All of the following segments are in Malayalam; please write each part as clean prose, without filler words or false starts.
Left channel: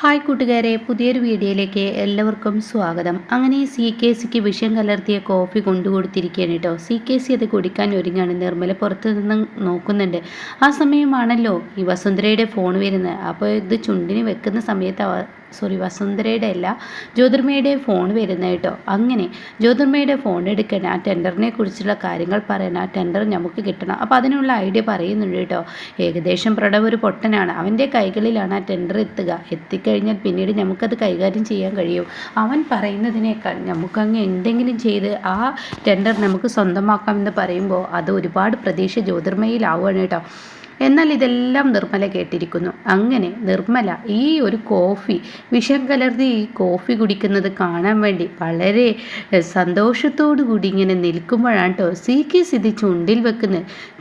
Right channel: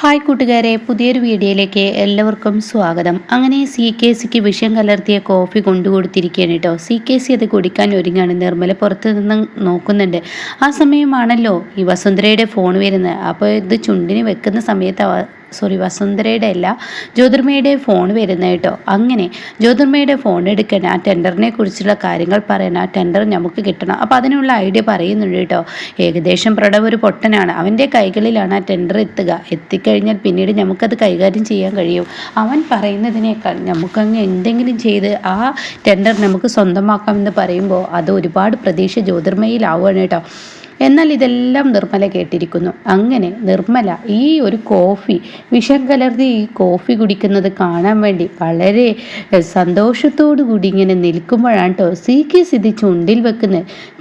ഹായ് കൂട്ടുകാരെ, പുതിയൊരു വീഡിയോയിലേക്ക് എല്ലാവർക്കും സ്വാഗതം. അങ്ങനെ CKCക്ക് വിഷം കലർത്തിയ കോഫി കൊണ്ടുകൊടുത്തിരിക്കുകയാണ് കേട്ടോ. CKC അത് കുടിക്കാൻ ഒരുങ്ങാണ്. നിർമ്മല പുറത്ത് നിന്ന് നോക്കുന്നുണ്ട്. ആ സമയമാണല്ലോ ഈ വസുന്ധരയുടെ ഫോൺ വരുന്നത്. അപ്പോൾ ഇത് ചുണ്ടിന് വെക്കുന്ന സമയത്ത് വസുന്ധരയുടെ അല്ല, ജ്യോതിർമയുടെ ഫോൺ വരുന്നത് കേട്ടോ. അങ്ങനെ ജ്യോതിർമയുടെ ഫോൺ എടുക്കണം, ആ ടെൻഡറിനെ കുറിച്ചുള്ള കാര്യങ്ങൾ പറയണം, ആ ടെൻഡർ നമുക്ക് കിട്ടണം. അപ്പോൾ അതിനുള്ള ഐഡിയ പറയുന്നുണ്ട് കേട്ടോ. ഏകദേശം പ്രണവ് ഒരു പൊട്ടനാണ്, അവൻ്റെ കൈകളിലാണ് ആ ടെൻഡർ എത്തിക്കഴിഞ്ഞാൽ പിന്നീട് നമുക്കത് കൈകാര്യം ചെയ്യാൻ കഴിയും. അവൻ പറയുന്നതിനേക്കാൾ നമുക്കങ്ങ് എന്തെങ്കിലും ചെയ്ത് ആ ടെൻഡർ നമുക്ക് സ്വന്തമാക്കാമെന്ന് പറയുമ്പോൾ അത് ഒരുപാട് പ്രതീക്ഷ ജ്യോതിർമയിലാവുകയാണ് കേട്ടോ. എന്നാൽ ഇതെല്ലാം നിർമ്മല കേട്ടിരിക്കുന്നു. അങ്ങനെ നിർമ്മല ഈ ഒരു കോഫി, വിഷം കലർത്തി ഈ കോഫി കുടിക്കുന്നത് കാണാൻ വേണ്ടി വളരെ സന്തോഷത്തോടു കൂടി ഇങ്ങനെ നിൽക്കുമ്പോഴാണ് കേട്ടോ CKC ഇത്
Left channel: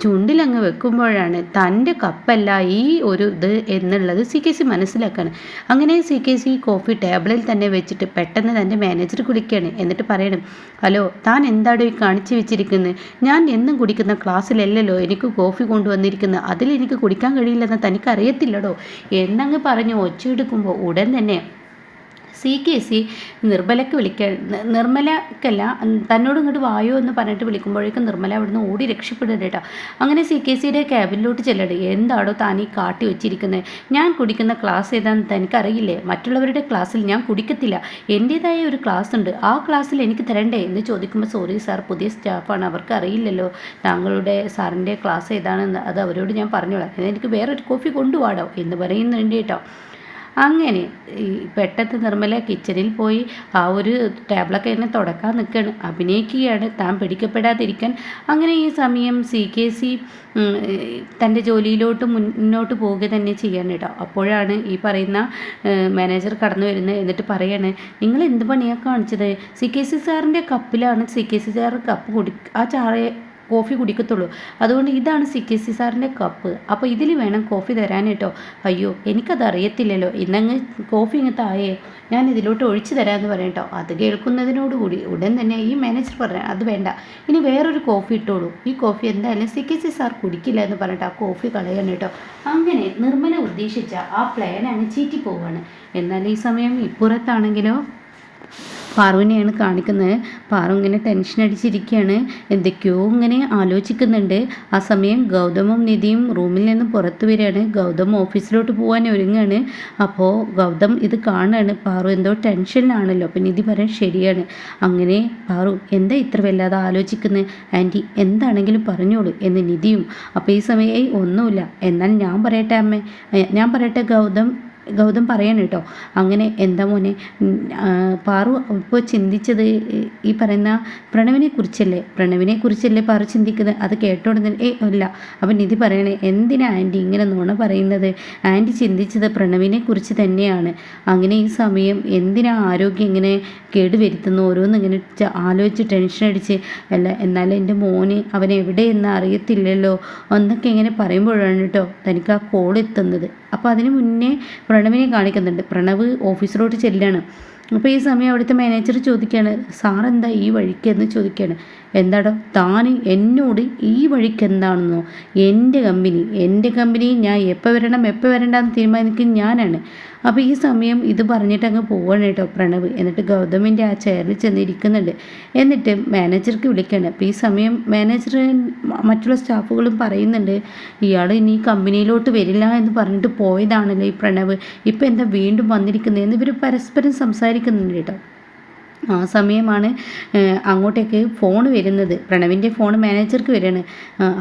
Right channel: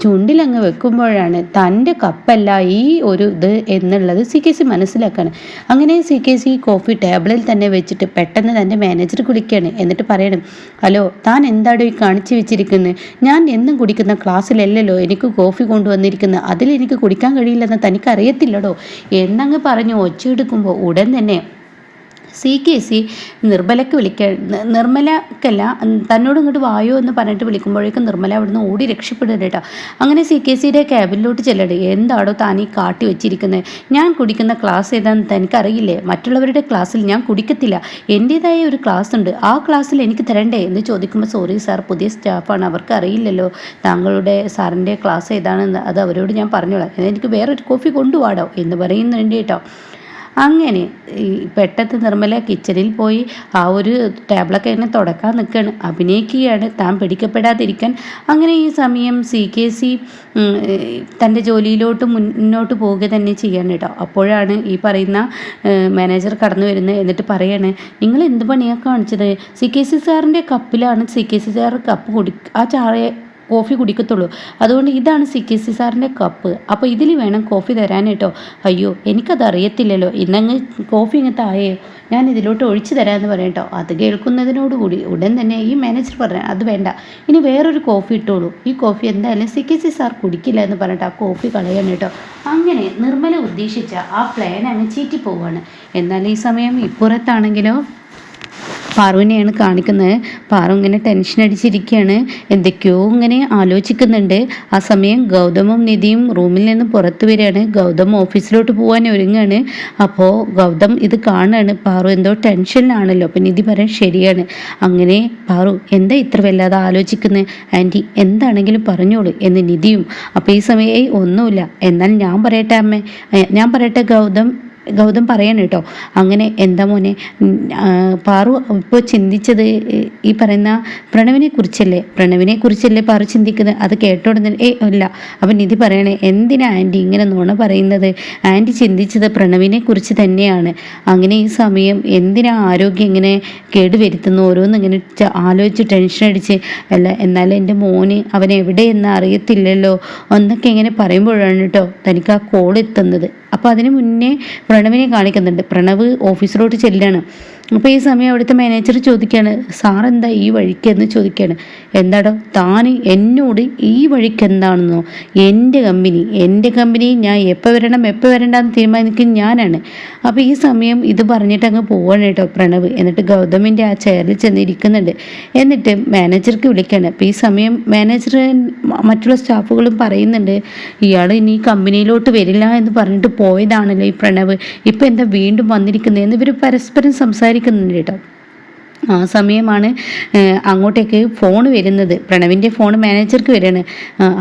ചുണ്ടിൽ അങ്ങ് വെക്കുമ്പോഴാണ് തൻ്റെ കപ്പല്ല ഈ ഒരു ഇത് എന്നുള്ളത് CKC മനസ്സിലാക്കാണ്. അങ്ങനെ CKC കോഫി ടേബിളിൽ തന്നെ വെച്ചിട്ട് പെട്ടെന്ന് തൻ്റെ മാനേജർ കുടിക്കുകയാണ്. എന്നിട്ട് പറയണം, ഹലോ, താൻ എന്താടോ ഈ കാണിച്ചു വെച്ചിരിക്കുന്നത്? ഞാൻ എന്നും കുടിക്കുന്ന ക്ലാസ്സിലല്ലല്ലോ എനിക്ക് കോഫി കൊണ്ടുവന്നിരിക്കുന്നത്, അതിലെനിക്ക് കുടിക്കാൻ കഴിയില്ലെന്ന് തനിക്കറിയത്തില്ലടോ എന്നങ്ങ് പറഞ്ഞ് ഒച്ചയെടുക്കുമ്പോൾ ഉടൻ തന്നെ CKC നിർമ്മലക്കല്ല തന്നോട് ഇങ്ങോട്ട് വായോ എന്ന് പറഞ്ഞിട്ട് വിളിക്കുമ്പോഴേക്കും നിർമ്മല അവിടുന്ന് ഓടി രക്ഷപ്പെടുന്നുണ്ട് കേട്ടോ. അങ്ങനെ CKCയുടെ ക്യാബിനിലോട്ട് ചെല്ലട്ടെ. എന്താടോ താൻ ഈ കാട്ടി വെച്ചിരിക്കുന്നത്? ഞാൻ കുടിക്കുന്ന ക്ലാസ് ഏതാണെന്ന് തനിക്കറിയില്ലേ? മറ്റുള്ളവരുടെ ക്ലാസ്സിൽ ഞാൻ കുടിക്കത്തില്ല, എൻ്റേതായ ഒരു ക്ലാസ് ഉണ്ട്, ആ ക്ലാസ്സിൽ എനിക്ക് തരണ്ടേ എന്ന് ചോദിക്കുമ്പോൾ, സോറി സാർ, പുതിയ സ്റ്റാഫാണ്, അവർക്ക് അറിയില്ലല്ലോ താങ്കളുടെ സാറിൻ്റെ ക്ലാസ് ഏതാണെന്ന്, അത് അവരോട് ഞാൻ പറഞ്ഞോളാം, എനിക്ക് വേറൊരു കോഫി കൊണ്ടുപോകാടോ എന്ന് പറയുന്നുണ്ട് കേട്ടോ. അങ്ങനെ പെട്ടെന്ന് നിർമ്മല കിച്ചണിൽ പോയി ആ ഒരു ടേബിളൊക്കെ ഇങ്ങനെ തുടക്കാൻ നിൽക്കുകയാണ്, അഭിനയിക്കുകയാണ് താൻ പിടിക്കപ്പെടാതിരിക്കാൻ. അങ്ങനെ ഈ സമയം CKC തൻ്റെ ജോലിയിലോട്ട് മുന്നോട്ട് പോവുക തന്നെ ചെയ്യാണ് കേട്ടോ. അപ്പോഴാണ് ഈ പറയുന്ന മാനേജർ കടന്നു വരുന്നത്. എന്നിട്ട് പറയാണ്, നിങ്ങൾ എന്ത് പണിയാണ് കാണിച്ചത്? CKC സാറിൻ്റെ കപ്പിലാണ് CKC സാർ കപ്പ് ആ കോഫി കുടിക്കത്തുള്ളൂ, അതുകൊണ്ട് ഇതാണ് CKC സാറിൻ്റെ കപ്പ്, അപ്പോൾ ഇതിൽ വേണം കോഫി തരാൻ കേട്ടോ. അയ്യോ, എനിക്കത് അറിയത്തില്ലല്ലോ, ഇന്നങ്ങ് കോഫി ഇങ്ങ് താഴെയോ, ഞാൻ ഇതിലോട്ട് ഒഴിച്ചു തരാമെന്ന് പറയാം കേട്ടോ. അത് കേൾക്കുന്നതിനോടുകൂടി ഉടൻ തന്നെ ഈ മാനേജർ പറയാം, അത് വേണ്ട, ഇനി വേറൊരു കോഫി ഇട്ടോളൂ, ഈ കോഫി എന്തായാലും CKC സാർ കുടിക്കില്ല എന്ന് പറഞ്ഞിട്ട് ആ കോഫി കളയാൻ കേട്ടോ. അങ്ങനെ നിർമ്മല ഉദ്ദേശിച്ച ആ പ്ലാൻ അങ്ങ് ചീറ്റി പോവാണ്. എന്നാൽ ഈ സമയം ഇപ്പുറത്താണെങ്കിലോ പാറുവിനെയാണ് കാണിക്കുന്നത്. പാറു ഇങ്ങനെ ടെൻഷൻ അടിച്ചിരിക്കുകയാണ്, എന്തൊക്കെയോ ഇങ്ങനെ ആലോചിക്കുന്നുണ്ട്. ആ സമയം ഗൗതമും നിധിയും റൂമിൽ നിന്ന് പുറത്തു വരികയാണ്. ഗൗതം ഓഫീസിലോട്ട് പോകാൻ ഒരുങ്ങാണ്. അപ്പോൾ ഗൗതം ഇത് കാണുകയാണ്, പാറു എന്തോ ടെൻഷനിലാണല്ലോ. അപ്പം നിധി പറയാൻ ശരിയാണ്. അങ്ങനെ പാറു, എന്താ ഇത്ര വല്ലാതെ ആലോചിക്കുന്നത്? ആൻറ്റി എന്താണെങ്കിലും പറഞ്ഞോളൂ എന്ന് നിധിയും. അപ്പോൾ ഈ സമയം ഒന്നുമില്ല, എന്നാൽ ഞാൻ പറയട്ടെ അമ്മേ, ഞാൻ പറയട്ടെ ഗൗതം പറയാണ് കേട്ടോ. അങ്ങനെ എന്താ മോനെ, പാറു ഇപ്പോൾ ചിന്തിച്ചത് ഈ പറയുന്ന പ്രണവിനെ കുറിച്ചല്ലേ പാറു ചിന്തിക്കുന്നത്? അത് കേട്ടോടുന്ന അല്ല. അപ്പം നിധി പറയണേ, എന്തിനാ ആൻറ്റി ഇങ്ങനെ നുണ പറയുന്നത്? ആൻറ്റി ചിന്തിച്ചത് പ്രണവിനെ കുറിച്ച് തന്നെയാണ്. അങ്ങനെ ഈ സമയം എന്തിനാ ആരോഗ്യം ഇങ്ങനെ കേടുവരുത്തുന്നു? ഓരോന്ന് ഇങ്ങനെ ആലോചിച്ച് ടെൻഷൻ അടിച്ച് അല്ല, എന്നാലും എൻ്റെ മോന് അവൻ എവിടെയെന്ന് അറിയത്തില്ലല്ലോ എന്നൊക്കെ ഇങ്ങനെ പറയുമ്പോഴാണ് കേട്ടോ തനിക്ക് ആ കോൾ എത്തുന്നത്. അപ്പോൾ അതിന് മുന്നേ പ്രണവിനെ കാണിക്കുന്നുണ്ട്. പ്രണവ് ഓഫീസിലോട്ട് ചെല്ലാണ്. അപ്പോൾ ഈ സമയം അവിടുത്തെ മാനേജർ ചോദിക്കുകയാണ്, സാർ എന്താ ഈ വഴിക്ക് എന്ന് ചോദിക്കുകയാണ്. എന്താടോ താൻ എന്നോട് ഈ വഴിക്ക് എന്താണെന്നോ? എൻ്റെ കമ്പനി ഞാൻ എപ്പോൾ വരണ്ടെന്ന് തീരുമാനിക്കും ഞാനാണ്. അപ്പോൾ ഈ സമയം ഇത് പറഞ്ഞിട്ട് അങ്ങ് പോവാണ് കേട്ടോ പ്രണവ്. എന്നിട്ട് ഗൗതമിൻ്റെ ആ ചെയറിൽ ചെന്നിരിക്കുന്നുണ്ട്. എന്നിട്ട് മാനേജർക്ക് വിളിക്കുകയാണ്. അപ്പോൾ ഈ സമയം മാനേജർ മറ്റുള്ള സ്റ്റാഫുകളും പറയുന്നുണ്ട്, ഇയാൾ ഇനി കമ്പനിയിലോട്ട് വരില്ല എന്ന് പറഞ്ഞിട്ട് പോയതാണല്ലോ ഈ പ്രണവ്, ഇപ്പം എന്താ വീണ്ടും വന്നിരിക്കുന്നത് എന്ന് ഇവർ പരസ്പരം സംസാരിക്കുന്നുണ്ട് കേട്ടോ. ആ സമയമാണ് അങ്ങോട്ടേക്ക് ഫോൺ വരുന്നത്. പ്രണവിൻ്റെ ഫോൺ മാനേജർക്ക് വരികയാണ്.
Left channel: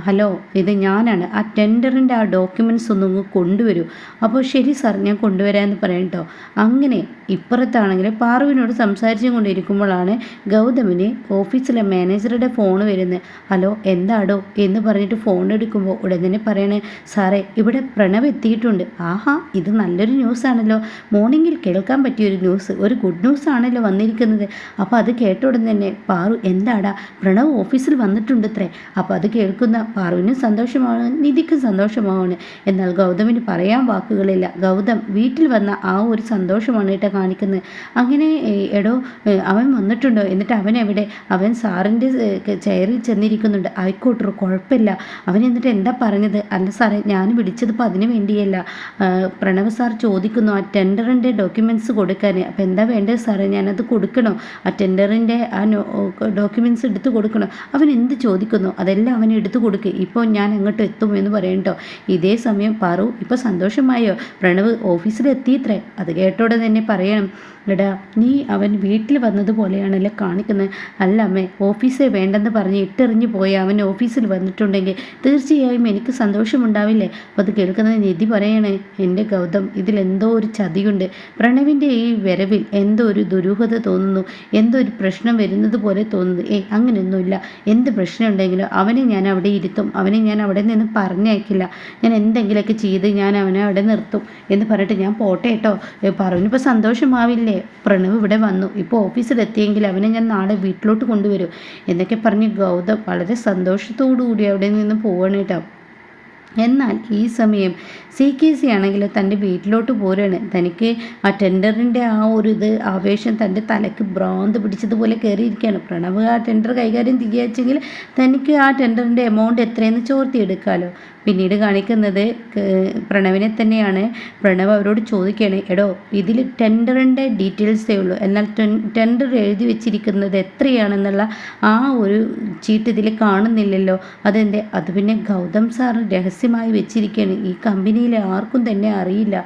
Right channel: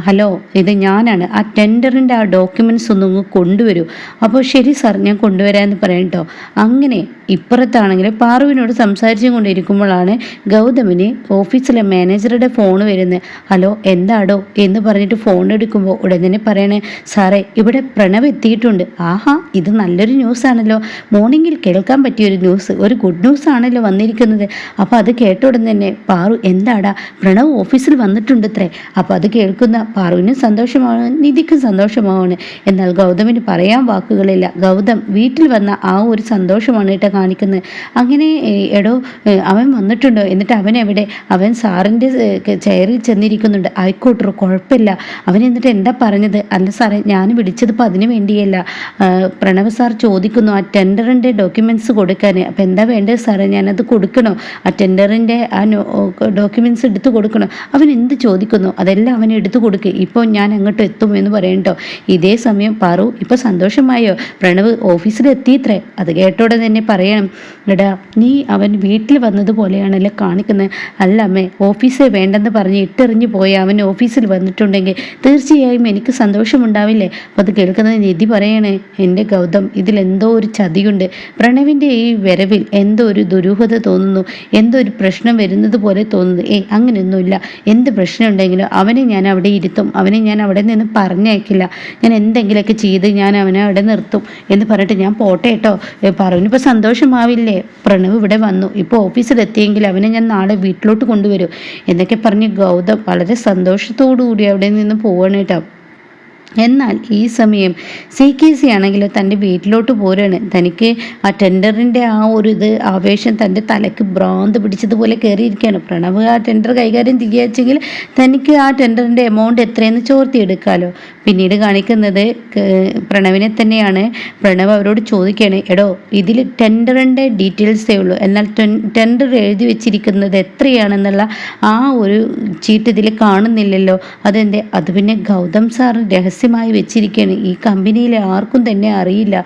ഹലോ, ഇത് ഞാനാണ്, ആ ടെൻഡറിൻ്റെ ആ ഡോക്യുമെൻറ്റ്സ് ഒന്നും കൊണ്ടുവരൂ. അപ്പോൾ ശരി സാർ, ഞാൻ കൊണ്ടുവരാമെന്ന് പറയാം കേട്ടോ. അങ്ങനെ ഇപ്പുറത്താണെങ്കിൽ പാറുവിനോട് സംസാരിച്ചും കൊണ്ടിരിക്കുമ്പോഴാണ് ഗൗതമിന് ഓഫീസിലെ മാനേജറുടെ ഫോൺ വരുന്നത്. ഹലോ, എന്താടോ എന്ന് പറഞ്ഞിട്ട് ഫോൺ എടുക്കുമ്പോൾ ഉടൻ തന്നെ പറയണേ, സാറേ ഇവിടെ പ്രണവ് എത്തിയിട്ടുണ്ട്. ആഹാ, ഇത് നല്ലൊരു ന്യൂസാണല്ലോ, മോർണിംഗിൽ കേൾക്കാൻ പറ്റിയൊരു ന്യൂസ്, ഒരു ഗുഡ് ന്യൂസ് ആണല്ലോ വന്നിരിക്കുന്നത്. അപ്പോൾ അത് കേട്ട ഉടൻ തന്നെ പാറു എന്താടാ പ്രണവ് ഓഫീസിൽ വന്നിട്ടുണ്ട് ഇത്രേ. അപ്പോൾ അത് കേൾക്കുന്ന പാറുവിനും സന്തോഷമാണ്, നിധിക്കും സന്തോഷമാണ്. എന്നാൽ ഗൗതമിന് പറയാൻ വാക്കുകളില്ല. ഗൗതം വീട്ടിൽ വന്ന ആ ഒരു സന്തോഷമാണ് കേട്ടോ കാണിക്കുന്നത്. അങ്ങനെ എടോ അവൻ വന്നിട്ടുണ്ടോ, എന്നിട്ട് അവൻ എവിടെ, അവൻ സാറിൻ്റെ ചെയറിൽ ചെന്നിരിക്കുന്നുണ്ട്. ആയിക്കോട്ടോ കുഴപ്പമില്ല. അവൻ എന്നിട്ട് എന്താ പറഞ്ഞത്? അല്ല സാറേ ഞാൻ വിളിച്ചതിപ്പോൾ അതിന് വേണ്ടിയല്ല. പ്രണവ് സാർ ചോദിക്കുന്നു ആ ടെൻഡറിൻ്റെ ഡോക്യുമെൻറ്റ്സ് കൊടുക്കാൻ. അപ്പം എന്താ വേണ്ടത് സാറേ, ഞാനത് കൊടുക്കണോ? ആ ടെൻഡറിൻ്റെ ആ ഡോക്യുമെൻറ്റ്സ് എടുത്തു കൊടുക്കണോ? അവൻ എന്ത് ചോദിക്കുന്നു അതെല്ലാം അവൻ എടുത്തു കൊടുക്കുക. ഇപ്പോൾ ഞാൻ അങ്ങോട്ട് എത്തും എന്ന് പറയട്ടോ. ഇതേ സമയം പാറു ഇപ്പോൾ സന്തോഷമായോ, പ്രണവ് ഓഫീസിലെത്തിയിത്രേ. അത് കേട്ടോടെ തന്നെ പറയണം, എടാ നീ അവൻ വീട്ടിൽ വന്നതുപോലെയാണല്ലോ കാണിക്കുന്നത്. അല്ല അമ്മേ, ഓഫീസേ വേണ്ടെന്ന് പറഞ്ഞ് ഇട്ടെറിഞ്ഞു പോയ അവൻ ഓഫീസിൽ വന്നിട്ടുണ്ടെങ്കിൽ തീർച്ചയായും എനിക്ക് സന്തോഷമുണ്ടാവില്ലേ? അപ്പോൾ അത് കേൾക്കുന്നത് നിധി പറയണേ, എൻ്റെ ഗൗതം ഇതിലെന്തോ ഒരു ചതിയുണ്ട്. പ്രണവിൻ്റെ ഈ വരവിൽ എന്തോ ഒരു ദുരൂഹത തോന്നുന്നു, എന്തോ ഒരു പ്രശ്നം വരുന്നത് പോലെ തോന്നുന്നു. അങ്ങനെയൊന്നുമില്ല. എന്ത് പ്രശ്നം ഉണ്ടെങ്കിലും അവനെ ഞാൻ അവിടെ ഇരുത്തും, അവനെ ഞാൻ അവിടെ നിന്ന് പറഞ്ഞയക്കില്ല. ഞാൻ എന്തെങ്കിലുമൊക്കെ ചെയ്ത് ഞാൻ അവനെ അവിടെ നിർത്തും എന്ന് പറഞ്ഞിട്ട് ഞാൻ പോട്ടെ കേട്ടോ. പറഞ്ഞിപ്പോൾ സന്തോഷമാവില്ലേ, പ്രണവ് ഇവിടെ വന്നു, ഇപ്പോൾ ഓഫീസിലെത്തിയെങ്കിൽ അവനെ ഞാൻ നാളെ വീട്ടിലോട്ട് കൊണ്ടുവരും എന്നൊക്കെ പറഞ്ഞ് ഗൗതം വളരെ സന്തോഷത്തോടു കൂടി അവിടെ നിന്ന് പോവാണ് കേട്ടോ. എന്നാൽ ഈ സമയം CKC ആണെങ്കിൽ തൻ്റെ വീട്ടിലോട്ട് പോരാണ്. തനിക്ക് ആ ടെൻഡറിൻ്റെ ആ ഒരു ആവേശം തൻ്റെ തലയ്ക്ക് ഭ്രാന്ത് പിടിച്ചതുപോലെ കയറിയിരിക്കുകയാണ്. പ്രണവ് ആ ടെൻഡർ കൈകാര്യം ചെയ്യാച്ചെങ്കിൽ തനിക്ക് ആ ടെൻഡറിൻ്റെ എമൗണ്ട് എത്രയെന്ന് ചോർത്തിയെടുക്കാമല്ലോ. പിന്നീട് കാണിക്കുന്നത് പ്രണവിനെ തന്നെയാണ്. പ്രണവ് അവരോട് ചോദിക്കുകയാണ്, എടോ ഇതിൽ ടെൻഡറിൻ്റെ ഡീറ്റെയിൽസേ ഉള്ളൂ, എന്നാൽ ടെൻഡർ എഴുതി വെച്ചിരിക്കുന്നത് എത്രയാണെന്നുള്ള ആ ഒരു ചീട്ട് ഇതിൽ കാണുന്നില്ലല്ലോ, അതെന്തേ? അത് പിന്നെ ഗൗതം സാർ രഹസ്യമായി വെച്ചിരിക്കുകയാണ്, ഈ കമ്പനിയിലെ ആർക്കും തന്നെ അറിയില്ല.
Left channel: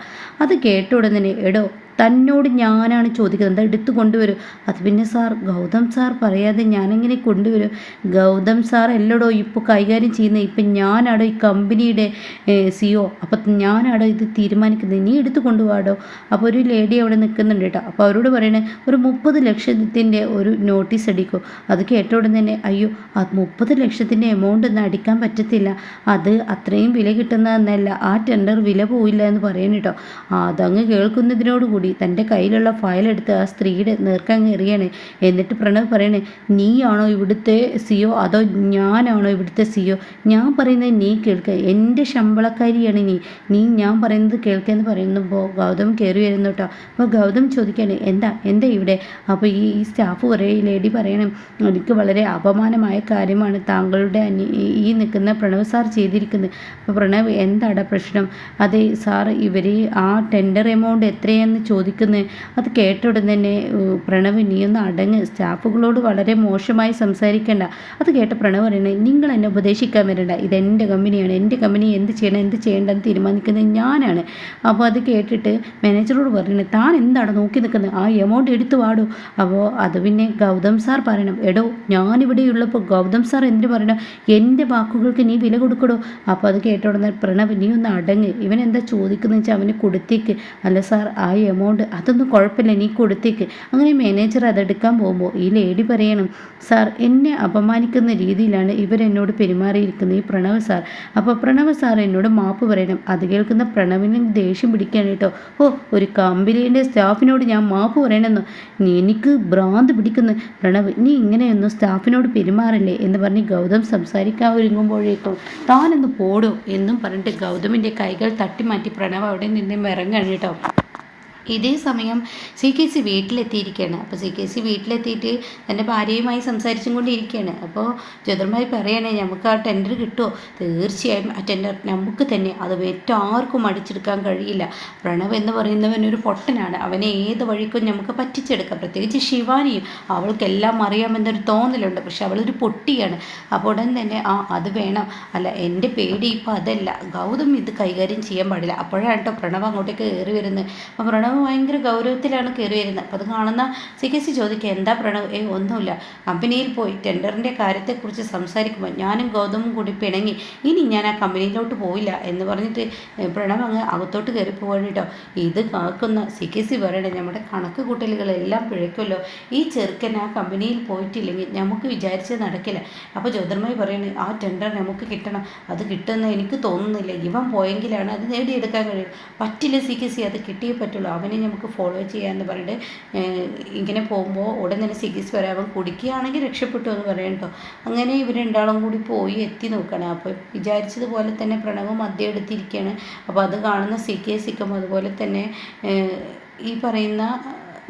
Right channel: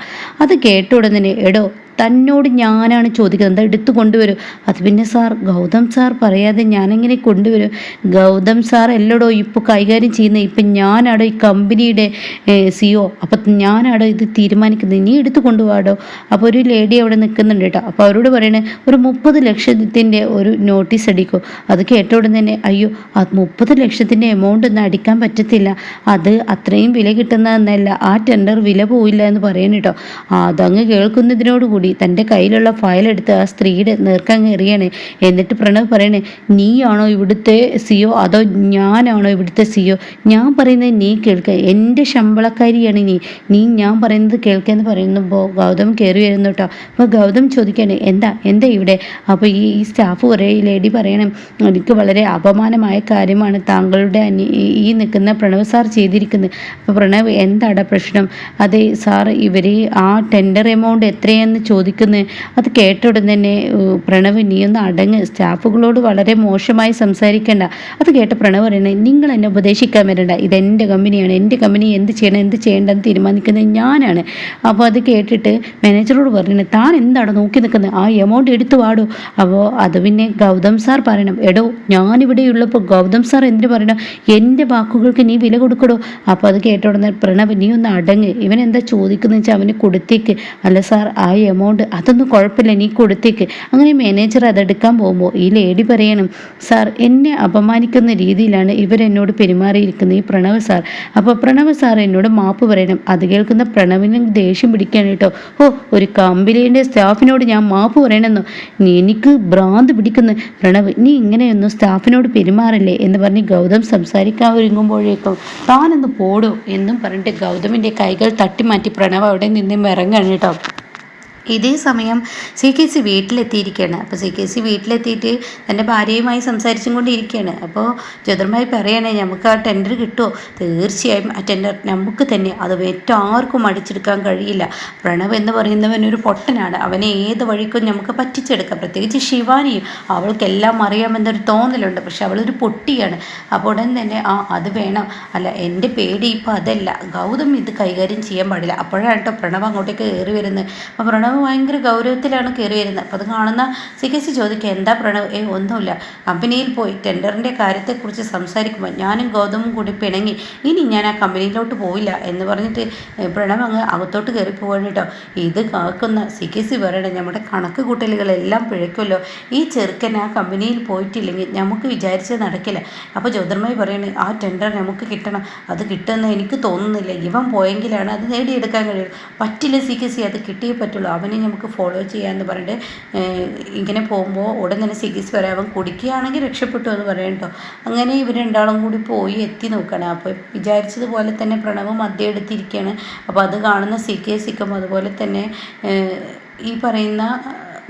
അത് കേട്ട ഉടനെ എടോ തന്നോട് ഞാനാണ് ചോദിക്കുന്നത്, എടുത്തു കൊണ്ടുവരും. അത് പിന്നെ സാർ ഗൗതം സാർ പറയാതെ ഞാനെങ്ങനെ കൊണ്ടുവരും? ഗൗതം സാർ എല്ലടോ ഇപ്പോൾ കൈകാര്യം ചെയ്യുന്നത്, ഇപ്പം ഞാനാടോ ഈ കമ്പനിയുടെ CEO, അപ്പം ഞാനാടോ ഇത് തീരുമാനിക്കുന്നത്, നീ എടുത്തു കൊണ്ടുപോകാടോ. അപ്പോൾ ഒരു ലേഡി അവിടെ നിൽക്കുന്നുണ്ട് കേട്ടോ. അപ്പോൾ അവരോട് പറയണേ ഒരു 30 ലക്ഷത്തിൻ്റെ ഒരു നോട്ടീസ് അടിക്കും. അത് കേട്ട ഉടൻ തന്നെ അയ്യോ, ആ 30 ലക്ഷത്തിൻ്റെ എമൗണ്ട് ഒന്നും അടിക്കാൻ പറ്റത്തില്ല, അത് അത്രയും വില കിട്ടുന്നതെന്നല്ല, ആ ടെൻഡർ വില പോയില്ല എന്ന് പറയണം കേട്ടോ. അതങ്ങ് കേൾക്കുന്നതിനോടുകൂടി തൻ്റെ കയ്യിലുള്ള ഫയൽ എടുത്ത് ആ സ്ത്രീയുടെ നേർക്കാൻ എറിയാണ്. എന്നിട്ട് പ്രണവ് പറയണേ, നീയാണോ ഇവിടുത്തെ CEO അതോ ഞാനാണോ ഇവിടുത്തെ CEO? ഞാൻ പറയുന്നത് നീ കേൾക്കുക, എൻ്റെ ശമ്പളക്കാരിയാണ് നീ ഞാൻ പറയുന്നത് കേൾക്കുകയെന്ന് പറയുമ്പോൾ ഗൗതം കയറി വരുന്നു കേട്ടോ. അപ്പോൾ ഗൗതം ചോദിക്കുകയാണ്, എന്താ ഇവിടെ? അപ്പോൾ ഈ സ്റ്റാഫ് ഈ ലേഡി പറയണം, എനിക്ക് വളരെ അപമാനമായ കാര്യമാണ് താങ്കളുടെ ഈ നിൽക്കുന്ന പ്രണവ് സാർ ചെയ്തിരിക്കുന്നത്. അപ്പോൾ പ്രണവ് എന്താടാ പ്രശ്നം? അതെ സാർ, ഇവർ ആ ടെൻഡർ എമൗണ്ട് എത്രയെന്ന് ചോദിക്കുന്നത്. അത് കേട്ട ഉടൻ തന്നെ പ്രണവ് നീ ഒന്ന് അടങ്ങ്, സ്റ്റാഫുകളോട് വളരെ മോശമായി സംസാരിക്കേണ്ട. അത് കേട്ട പ്രണവ് പറയണേ, നിങ്ങൾ എന്നെ ഉപദേശിക്കാൻ വരണ്ട, ഇതെൻ്റെ കമ്പനിയാണ്, എൻ്റെ കമ്പനി എന്ത് ചെയ്യണം എന്ത് ചെയ്യേണ്ടെന്ന് തീരുമാനിക്കുന്നത് ഞാനാണ്. അപ്പോൾ അത് കേട്ടിട്ട് മാനേജറോട് പറയണേ, താൻ എന്താണ് നോക്കി നിൽക്കുന്നത്, ആ എമൗണ്ട് എടുത്തു വാടോ. അപ്പോൾ അത് പിന്നെ ഗൗതം സാർ പറയണം, എടോ ഞാനിവിടെ ഉള്ളപ്പോൾ ഗൗതം സാർ എന്തിനു പറയണം, എൻ്റെ വാക്കുകൾക്ക് നീ വില കൊടുക്കടോ. അപ്പോൾ അത് കേട്ട ഉടനെ പ്രണവ് നീ ഒന്ന് അടങ്ങ്, ഇവൻ എന്താ ചോദിക്കുന്നത് വെച്ചാൽ അവന് കൊടുത്തേക്ക്. അല്ല സാർ ആ എമൗണ്ട് അതൊന്നും കുഴപ്പമില്ല, നീ കൊടുത്തേക്ക്. അങ്ങനെ മാനേജർ അതെടുക്കാൻ പോകുമ്പോൾ ഈ ലേഡി പറയണം, സാർ എന്നെ അപമാനിക്കുന്ന രീതിയിലാണ് ഇവരെന്നോട് പെരുമാറിയിരിക്കുന്നത് ഈ പ്രണവ് സാർ. അപ്പോൾ പ്രണവ് സാർ എന്നോട് മാപ്പ് പറയണം. അത് കേൾക്കുന്ന പ്രണവിന് ദേഷ്യം പിടിക്കാൻ കേട്ടോ. ഒരു കമ്പനിയുടെ സ്റ്റാഫിനോട് ഞാൻ മാപ്പ് പറയണമെന്നോ? എനിക്ക് ഭ്രാന്ത് പിടിക്കുന്നു പ്രണവ്, നീ ഇങ്ങനെയൊന്നും സ്റ്റാഫിനോട് പെരുമാറില്ലേ എന്ന് പറഞ്ഞ് ഗൗതം സംസാരിക്കാൻ ഒരുങ്ങുമ്പോഴേക്കും താനൊന്ന് പോടോ എന്നും പറഞ്ഞിട്ട് ഗൗതമിൻ്റെ കൈകൾ തട്ടിമാറ്റി പ്രണവ് അവിടെ നിന്നും ഇറങ്ങാണ് കേട്ടോ. ഇതേ സമയം CKC വീട്ടിലെത്തിയിരിക്കുകയാണ്. അപ്പോൾ CKC വീട്ടിലെത്തിയിട്ട് തൻ്റെ ഭാര്യയുമായി സംസാരിച്ചും കൊണ്ടിരിക്കുകയാണ്. അപ്പോൾ ജ്യോതിർമായി പറയണേ, നമുക്ക് ആ ടെൻഡർ കിട്ടുമോ? തീർച്ചയായും ആ ടെൻഡർ നമുക്ക് തന്നെ, അത് മറ്റാർക്കും അടിച്ചെടുക്കാൻ കഴിയില്ല. പ്രണവ് എന്ന് പറയുന്നവൻ ഒരു പൊട്ടനാണ്, അവനെ ഏത് വഴിക്കും നമുക്ക് പറ്റിച്ചെടുക്കാം. പ്രത്യേകിച്ച് ശിവാനിയും, അവൾക്കെല്ലാം അറിയാമെന്നൊരു തോന്നലുണ്ട്, പക്ഷെ അവളൊരു പൊട്ടിയാണ്. അപ്പോൾ ഉടൻ തന്നെ അത് വേണം. അല്ല, എൻ്റെ പേടി ഇപ്പോൾ അതല്ല, ഗൗതം ഇത് കൈകാര്യം ചെയ്യാൻ പാടില്ല. അപ്പോഴാണ് കേട്ടോ പ്രണവ് അങ്ങോട്ടേക്ക് കയറി വരുന്നത്. അപ്പോൾ പ്രണവ് ഭയങ്കര ഗൗരവത്തിലാണ് കയറി വരുന്നത്. അപ്പോൾ അത് കാണുന്ന CKC ചോദിക്കുക, എന്താ പ്രണവ്? ഒന്നുമില്ല, കമ്പനിയിൽ പോയി ടെൻഡറിൻ്റെ കാര്യത്തെക്കുറിച്ച് സംസാരിക്കുമ്പോൾ ഞാനും ഗൗതമും കൂടി പിണങ്ങി, ഇനി ഞാൻ ആ കമ്പനിയിലോട്ട് പോയില്ല എന്ന് പറഞ്ഞിട്ട് പ്രണവ് അങ്ങ് അകത്തോട്ട് കയറി പോവാണ് കേട്ടോ. ഇത് കാക്കുന്ന CKC പറയണേ, നമ്മുടെ കണക്ക് കൂട്ടലുകളെല്ലാം പിഴയ്ക്കുമല്ലോ, ഈ ചെറുക്കൻ ആ കമ്പനിയിൽ പോയിട്ടില്ലെങ്കിൽ നമുക്ക് വിചാരിച്ചത് നടക്കില്ല. അപ്പോൾ ജ്യോതിർമയി പറയണേ, ആ ടെൻഡർ നമുക്ക് കിട്ടണം, അത് കിട്ടുമെന്ന് എനിക്ക് തോന്നുന്നില്ല, ഇവൻ പോയെങ്കിലാണ് അത് നേടിയെടുക്കാൻ കഴിയുള്ളൂ. പറ്റില്ല CKC, അത് കിട്ടിയേ പറ്റുള്ളൂ, അവനെ നമുക്ക് ഫോളോ ചെയ്യാമെന്ന് പറഞ്ഞിട്ട് ഇങ്ങനെ പോകുമ്പോൾ ഉടൻ തന്നെ സിഗീസ് വരാം, അവൻ കുടിക്കുകയാണെങ്കിൽ രക്ഷപ്പെട്ടു എന്ന് പറയാം കേട്ടോ. അങ്ങനെ ഇവർ രണ്ടാളും കൂടി പോയി എത്തി നോക്കണം. അപ്പോൾ വിചാരിച്ചതുപോലെ തന്നെ പ്രണവ് മദ്യം എടുത്തിരിക്കുകയാണ്. അപ്പോൾ അത് കാണുന്ന സിക്കും അതുപോലെ തന്നെ ഈ പറയുന്ന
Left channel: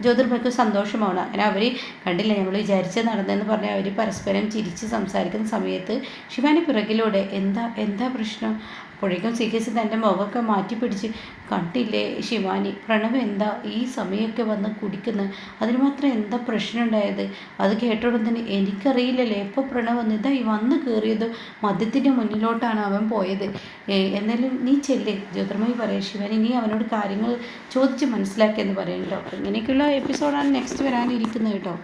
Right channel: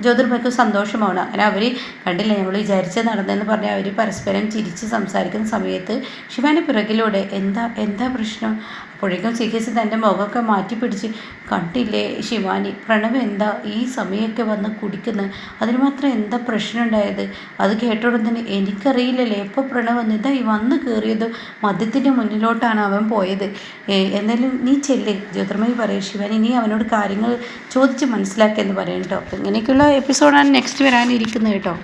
ജ്യോതിർമയ്ക്ക് സന്തോഷമാണ്. അങ്ങനെ അവർ കണ്ടില്ല നമ്മൾ വിചാരിച്ചത് നടന്നതെന്ന് പറഞ്ഞാൽ അവർ പരസ്പരം ചിരിച്ച് സംസാരിക്കുന്ന സമയത്ത് ശിവാനി പിറകിലൂടെ എന്താ പ്രശ്നം? അപ്പോഴേക്കും സിക്കേസ് തൻ്റെ മുഖമൊക്കെ മാറ്റി പിടിച്ച്, കണ്ടില്ലേ ശിവാനി, പ്രണവ് എന്താ ഈ സമയമൊക്കെ വന്ന് കുടിക്കുന്നത്, അതിന് മാത്രം എന്താ പ്രശ്നം ഉണ്ടായത്? അത് കേട്ടോടെ തന്നെ എനിക്കറിയില്ലല്ലേ എപ്പോൾ പ്രണവ് വന്ന് ഇതാ ഈ വന്ന് കയറിയത് മദ്യത്തിൻ്റെ മുന്നിലോട്ടാണ് അവൻ പോയത്. എന്നാലും നീ ചെല്ലേ, ജ്യോതിർമയി പറയും ശിവാനി, നീ അവനോട് കാര്യങ്ങൾ ചോദിച്ച് മനസ്സിലാക്കിയെന്ന് പറയും കേട്ടോ. അപ്പോൾ ഇങ്ങനെയൊക്കെയുള്ള എപ്പിസോഡാണ് നെക്സ്റ്റ് വരാനിരിക്കുന്നത് കേട്ടോ.